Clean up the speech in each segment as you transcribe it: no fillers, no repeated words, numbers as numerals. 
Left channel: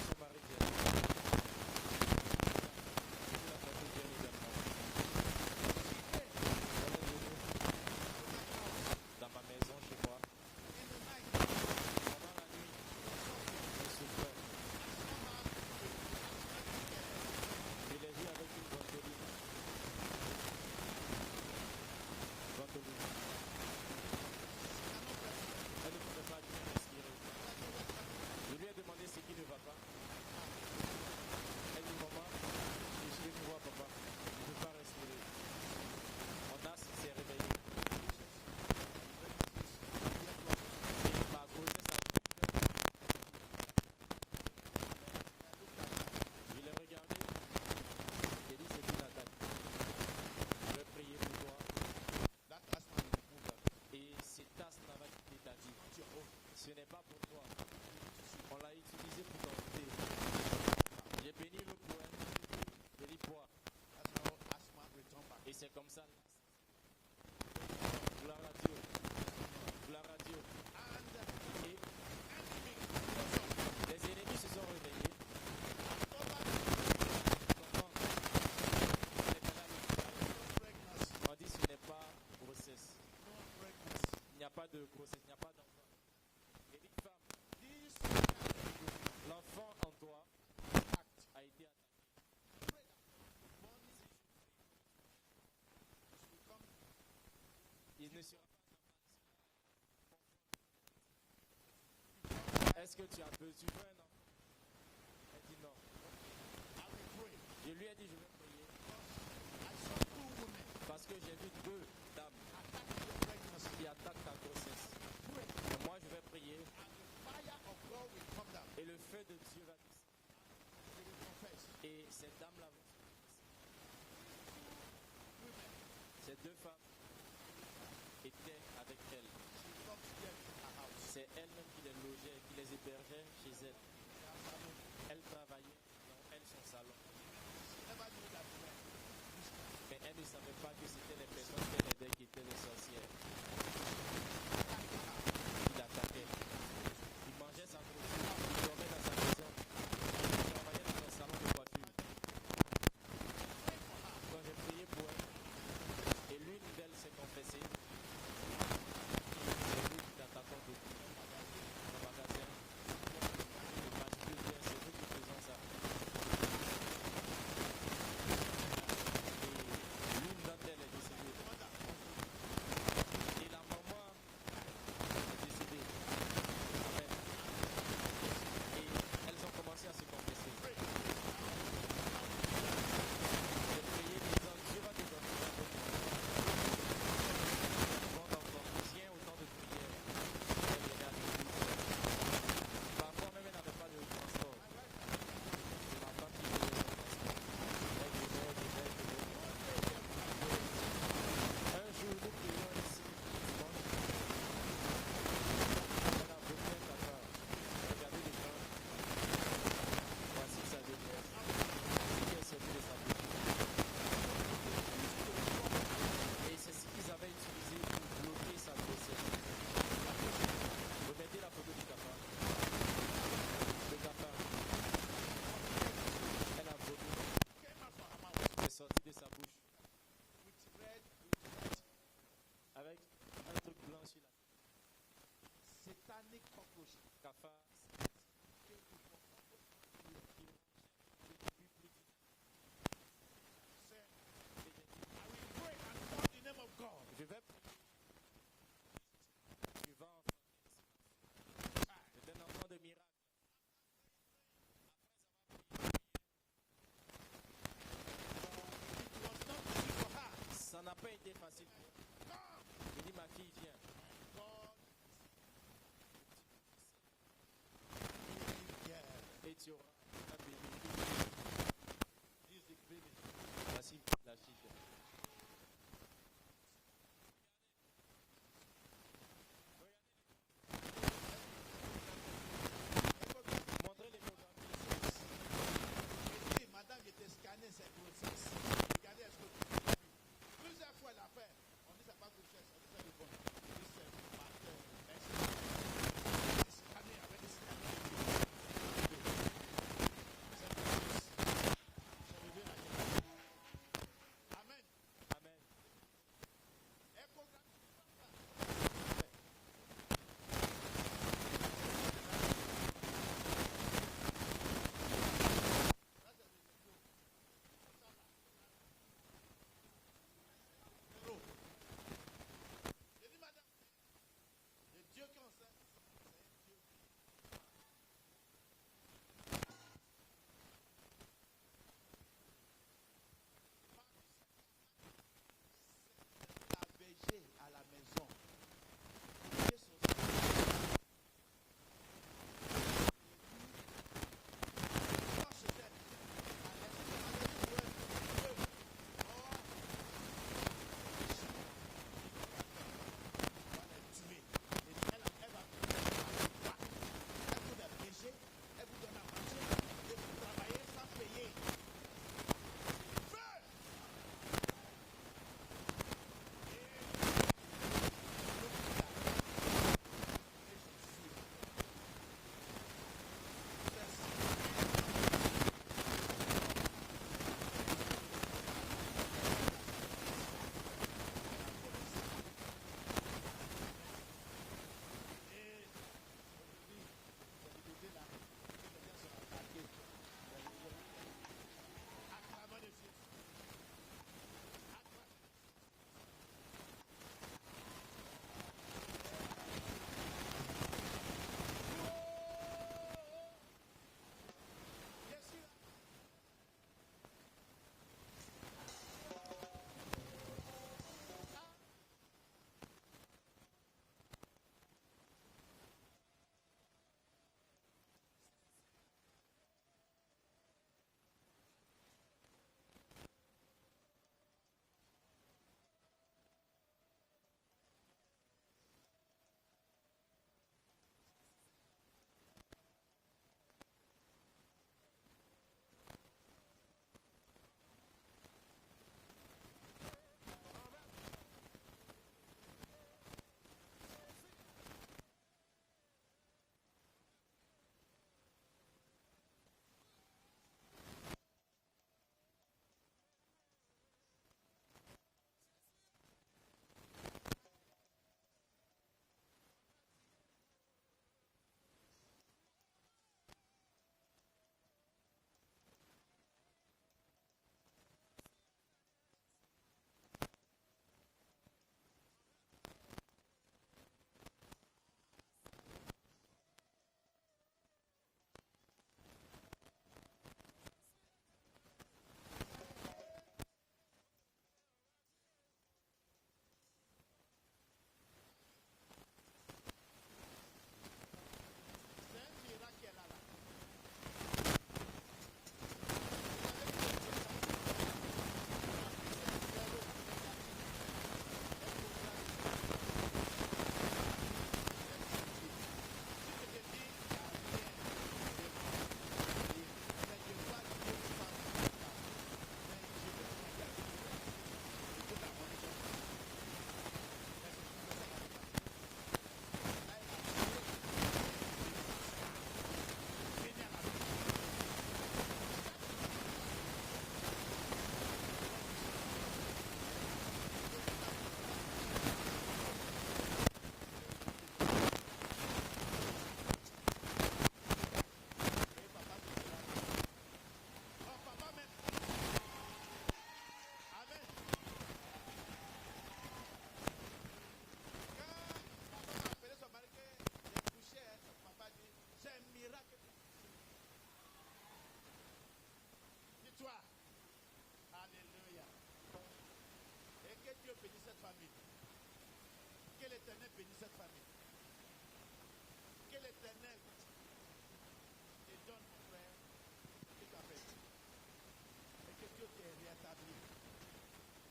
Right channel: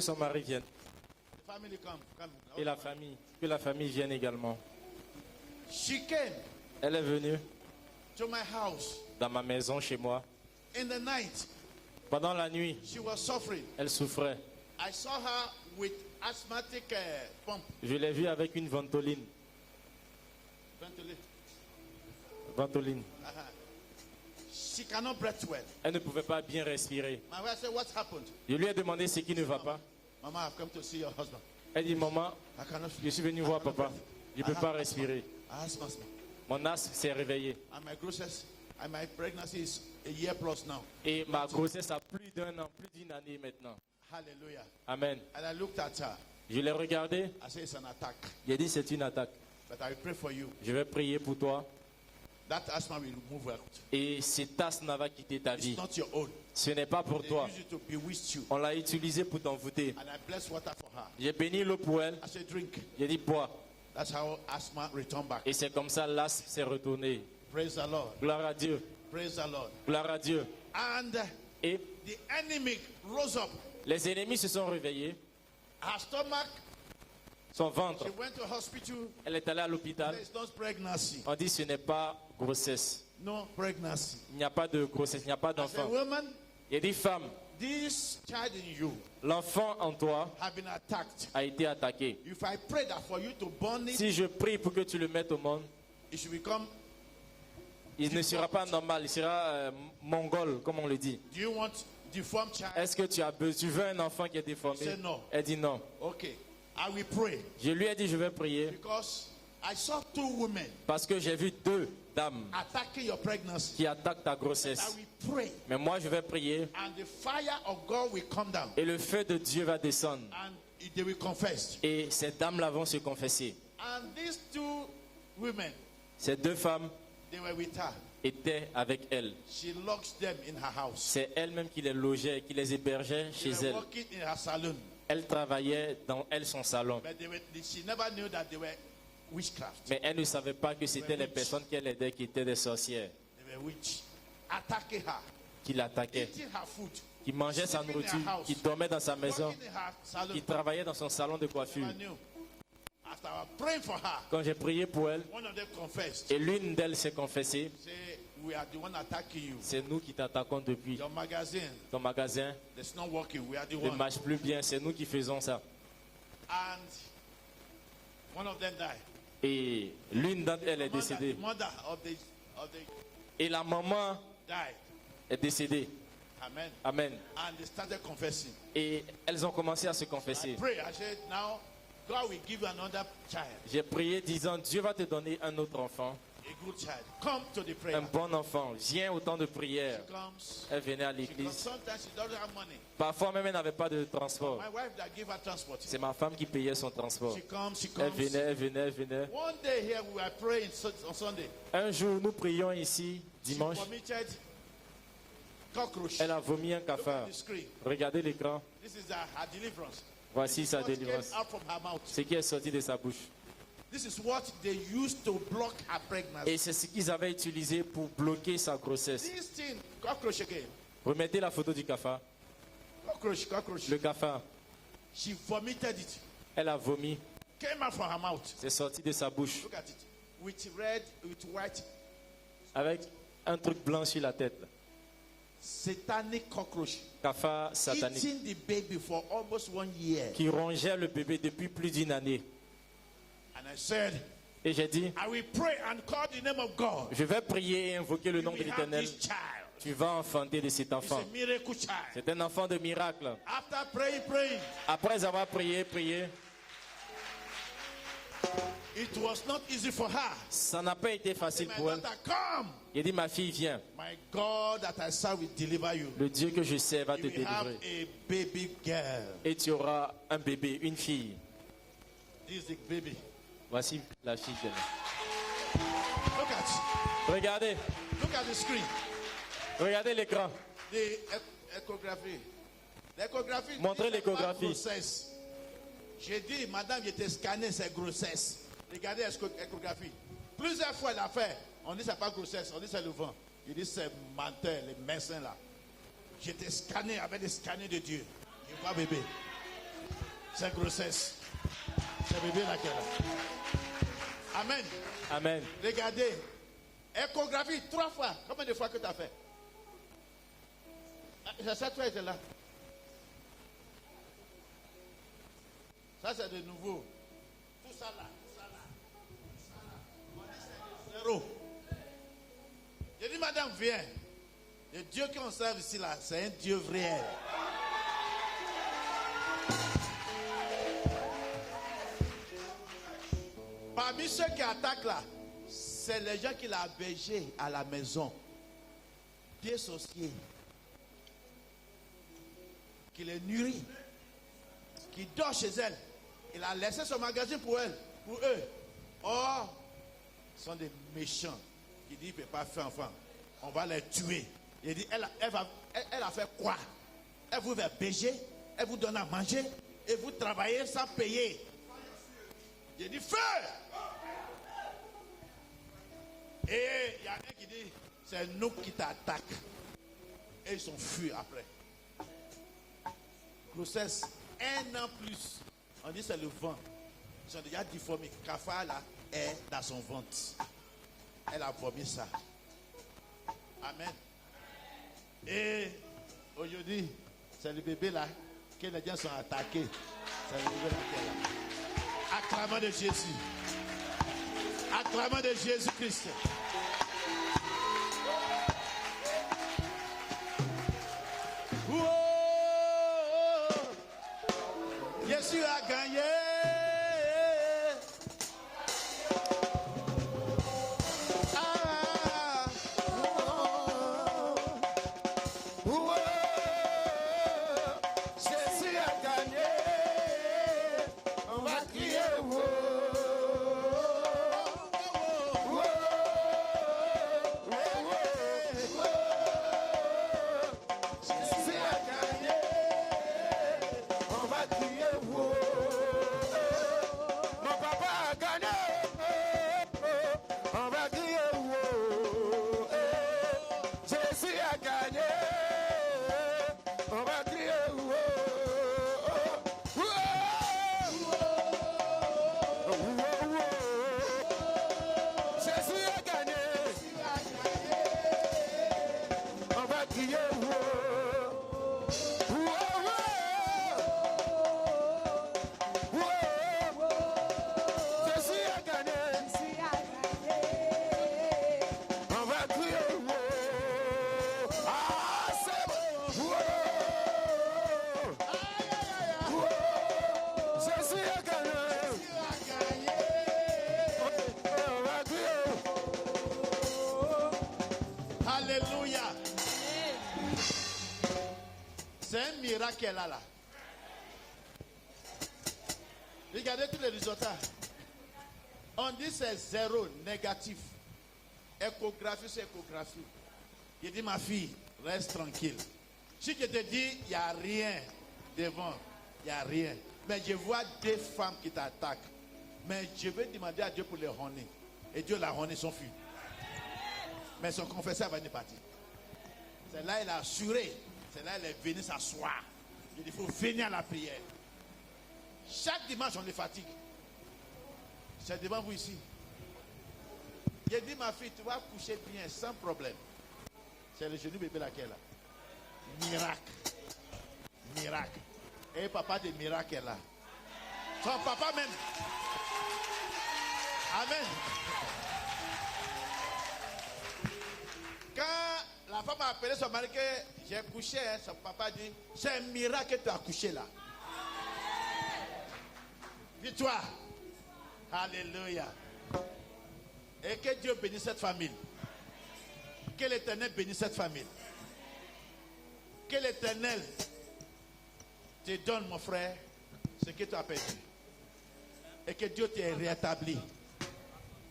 que son mari vienne. Et la famille, que la famille vienne également. She came Elle est venue to my house dans ma maison chez moi. in the night. Pendant la nuit, She was suffering. elle souffrait. I saw her with asthmatic pump. Je l'ai vue avec une ventoline. Ventoline. She cannot breathe well. Elle ne pouvait pas bien respirer. My wife said, "What happened?" Je lui ai demandé ce qui ne va pas. Mama, I've come to see your husband. Elle dit, maman, I cannot. je suis venu voir papa. Je ne peux pas respirer. I asthma. Mon asthme s'est réveillé. And my grossness and my pregnancy is a year plus now. Et ma grossesse a plus d'un an, plus d'une année maintenant. Hallelujah. Amen. And I looked at her. Je l'ai regardé. I said, "It's an attack. J'ai dit, c'est une attaque. But I pray for you. Je vais prier pour toi. That asthma will move out. Et cet asthme va quitter ta vie. It's not your own. Ce n'est pas pour They toi. use it to bewitch you. On l'a utilisé pour t'envoûter. And I bless water for her. J'ai béni l'eau pour elle. I said, "Drink." J'ai dit, bois. That's how asthma returned back. Et c'est comme ça l'asthme s'est retourné. Praise the Lord. Gloire à Dieu. Praise the Lord. Gloire à Dieu. And Et the enemy rose up. les ennemis se sont réveillés. Her stomach, Son ventre, we went to hospital. elle est allée à l'hôpital. It's not pregnancy. On dit ce n'est pas grossesse. No pregnancy. Il n'y a pas de grossesse, il n'y a pas As a d'enfant. woman, Il a dit, femme, this child in you l'enfant en toi have been attacked. a été attaqué. If I pray that for you to born it, Si je prie pour que tu le mettes au monde, it should become. il ne sera pas normal, il sera mongol, comme on le dit. Do you want deformed child? Est-ce que tu veux un enfant qui est déformé? Say no. Elle dit non. Okay, I will pray Je lui ai dit, je vais prier because I saw 2 women parce que j'ai vu 2 dames attacking your pregnancy. qui attaquent ta I grossesse. will pray, Mais moi, je vais prier and the fire of God will come down, et le feu de Dieu va descendre. and they will confess. Et ces dames-là vont se confesser. And these 2 women, Ces 2 femmes they were with her. étaient avec elle. She locks them in her house. C'est elle-même qui les logeait, qui les hébergeait They chez were elle. working in her salon, Elle travaillait dans son salon. but she never knew that they were witchcraft. Mais elle ne savait pas que c'était les personnes qu'elle aidait qui étaient des sorcières, They were witch, attacking her, qui l'attaquaient, eating her food, qui mangeaient sa nourriture, qui dormaient dans sa maison, working in her qui salon. travaillaient dans son salon de coiffure. I knew. As I was praying for her, Quand j'ai prié pour elle, one of them confessed. et l'une d'elles s'est confessée, Say, "We are the one attacking you. c'est nous qui t'attaquons depuis. Your magazine, Ton magasin it's not working. We are the ne one." marche plus bien, c'est nous qui faisons ça. And one of them died. Et l'une d'entre elles est décédée. Mother of the Et la maman died. est décédée. Amen. Amen. And they started confessing. Et elles ont commencé à se confesser. Pray. I said, "Now God will give you another child. J'ai prié disant, Dieu va te donner un autre enfant, Good child. Come to the prayer. un bon enfant. Viens au temps de prière. Comes. Elle venait à But l'église. sometimes she doesn't have money. Parfois même elle n'avait pas de transport. My wife that give her transport. C'est ma femme qui payait son transport. She comes. Elle venait. One day here we were praying on Sunday. Un jour, nous prions ici, dimanche. Committed cockroach. Elle a vomi un cafard. The screen. Regardez l'écran. This is her deliverance. Voici sa What came délivrance. out of her mouth. Ce qui est sorti de sa bouche. This is what they used to block her pregnancy. Et c'est ce qu'ils avaient utilisé pour bloquer sa grossesse. This thing, cockroach again. Remettez la photo du cafard. Cockroach. Le cafard, She vomited it. elle a vomi. Came out from her mouth. C'est sorti de sa bouche. Look at it. With red, with white. Avec un truc blanc sur la tête. Satanic cockroach. Cafard satanique. Eating the baby for almost 1 year. Qui rongeait le bébé depuis plus d'une année. And I said, Et j'ai dit, I will pray and call the name of God. je vais prier et invoquer le You nom de will have l'Éternel. this child. Tu vas enfanter de cet It's enfant. a miracle child. C'est un enfant de miracle. After praying, Après avoir prié, it was not easy for her. ça n'a pas été facile My pour elle. daughter, come. Il dit, ma fille, viens. My God that I serve will deliver you. Le Dieu que je sais va te You will have délivrer. a baby girl. Et tu auras un bébé, une fille. This is the baby. Voici la fille. Look at Regardez, look at the screen. regardez l'écran. The echography. L'échographie. Montrez dit c'est pas l'échographie. grossesse. J'ai dit, madame, j'étais scanné, c'est grossesse. Regardez l'échographie. Plusieurs fois, elle a fait. On dit c'est pas grossesse, on dit c'est le vent. Il dit c'est menteur, les médecins là. J'étais scanné avec des scanners de Dieu. Pas bébé. C'est grossesse. C'est bébé là qui est là. Amen. Amen. Regardez. Échographie 3 fois. Combien de fois que tu as fait? C'est ça que tu es là. Ça c'est de nouveau. Tout ça là. On dit c'est zéro. J'ai dit madame viens. Le Dieu qu'on serve ici là, c'est un Dieu vrai. Parmi ceux qui attaquent là, c'est les gens qui l'ont hébergé à la maison. Qui est son spirit. Qui les nourrit. Qui dort chez elle. Il a laissé son magasin pour elle. Pour eux. Or, ils sont des méchants. Il dit, il ne peut pas faire enfant. On va les tuer. Il dit, elle a fait quoi? Elle vous héberger, elle vous donne à manger, et vous travaillez sans payer. Il dit, feu! Et il dit, c'est nous qui t'attaquent. Et ils sont fuis après. Grossesse, 1 an plus. On dit c'est le ventre. Ils sont déjà difformés. Kafa là est dans son ventre. Elle a vomi ça. Amen. Et aujourd'hui, c'est le bébé là que les gens sont attaqués. C'est le bébé là qui est là. Acclamant de Jésus. Acclamant de Jésus-Christ. Jésus a gagné. Jésus a gagné. On va crier. Jésus a gagné. On va crier. Mon papa a gagné. On va crier. Jésus a gagné. On va crier. Jésus a gagné. On va crier. Jésus a gagné. On va crier. Ah, c'est bon. Jésus a gagné. On va crier. Alléluia. C'est un miracle là. Regardez tous les résultats. On dit c'est zéro, négatif. Échographie, c'est échographie. Je dis ma fille, reste tranquille. Si je te dis, il n'y a rien devant, il n'y a rien. Mais je vois des femmes qui t'attaquent. Mais je vais demander à Dieu pour les honner. Et Dieu l'a honné son fils. Mais son confesseur va être parti. Et là, il a assuré. Et là, il est venu s'asseoir. Il faut venir à la prière. Chaque dimanche, on est fatigué. C'est devant vous ici. J'ai dit, ma fille, tu vas coucher bien sans problème. C'est le genou bébé là. Miracle. Miracle. Et papa de miracle est là. Son papa même. Amen. Quand la femme a appelé son mari que j'ai couché, son papa dit, c'est un miracle que tu as couché là. Victoire. Alléluia. Et que Dieu bénisse cette famille. Que l'Éternel bénisse cette famille. Que l'Éternel te donne, mon frère, ce que tu as perdu. Et que Dieu t'ait rétabli.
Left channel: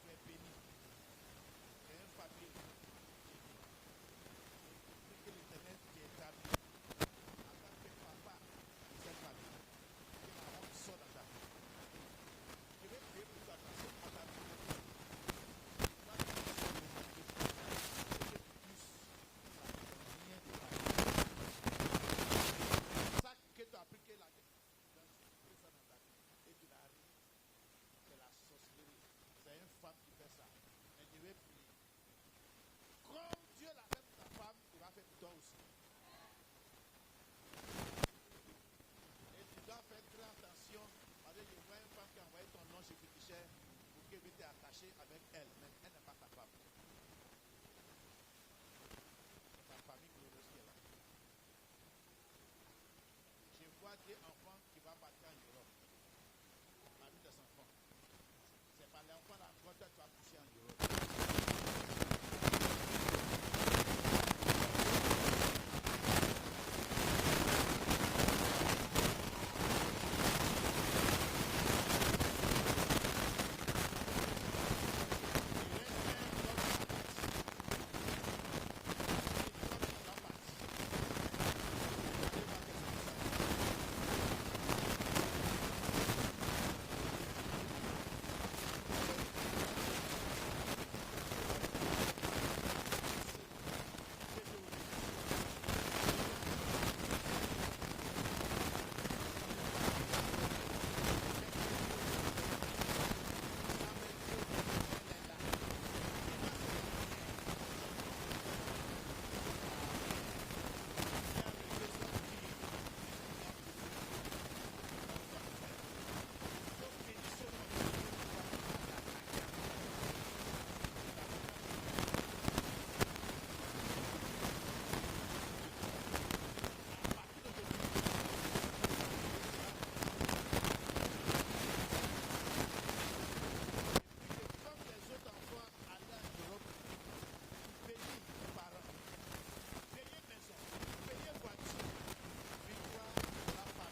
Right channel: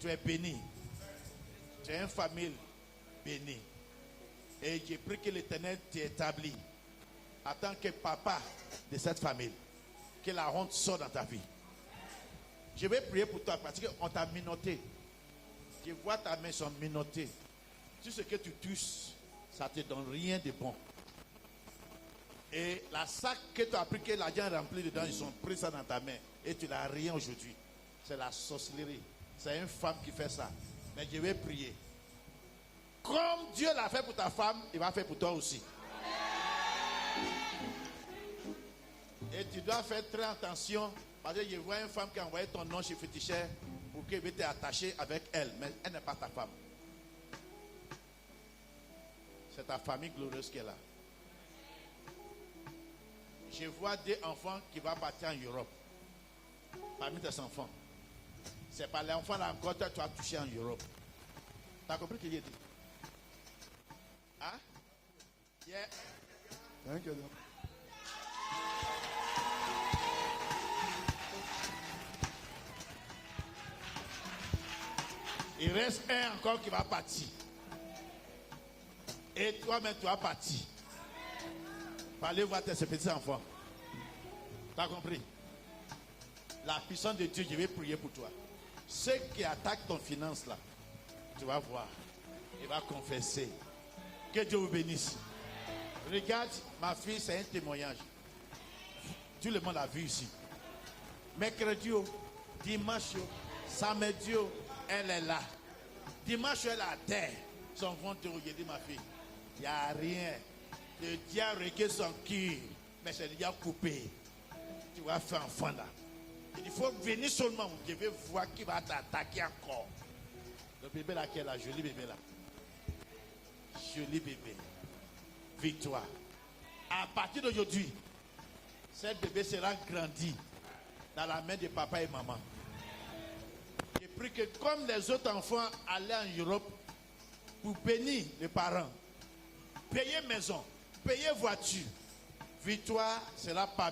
Tu es béni. Tu es une famille bénie. Et j'ai pris que l'Éternel t'établit en tant que papa de cette famille. Que la honte sorte dans ta vie. Je vais prier pour toi parce qu'on t'a minoté. Je vois ta main sont minottées. Tout ce que tu touches, ça ne te donne rien de bon. Et la sac que tu as pris, que l'argent est rempli dedans, ils ont pris ça dans ta main. Et tu n'as rien aujourd'hui. C'est la sorcellerie. C'est une femme qui fait ça. Mais je vais prier. Comme Dieu l'a fait pour ta femme, il va faire pour toi aussi. Et tu dois faire très attention. Parce que je vois une femme qui a envoyé ton nom chez Féticheur pour qu'elle t'ait attaché avec elle. Mais elle n'est pas ta femme. C'est ta famille glorieuse qui est là. Je vois des enfants qui vont partir en Europe. Parmi tes enfants. C'est pas l'enfant là encore que tu as touché en Europe. Tu as compris? Il reste un encore qui va partir. Et toi-même, tu vas partir. Tu vas aller voir tes petits enfants. Tu as compris? La puissance de Dieu, je vais prier pour toi. Ceux qui attaquent ton finance là, tu vas voir. Tu vas confesser. Que Dieu vous bénisse. Regarde, ma fille, c'est un témoignage. Tout le monde a vu ici. Mercredi, dimanche, samedi, elle est là. Dimanche, elle est à terre. Son compte, regardez ma fille. Il n'y a rien. Le diable regarde son cul. Mais c'est déjà coupé. Tu vas faire enfant là. Il faut venir seulement. Je vais voir qui va t'attaquer encore. Le bébé là qui est là, joli bébé là. Joli bébé. Victoire. À partir d'aujourd'hui, ce bébé sera grandi dans la main de papa et maman. Et puis que comme les autres enfants allaient en Europe pour bénir les parents, payer maison, payer voiture, Victoire sera parmi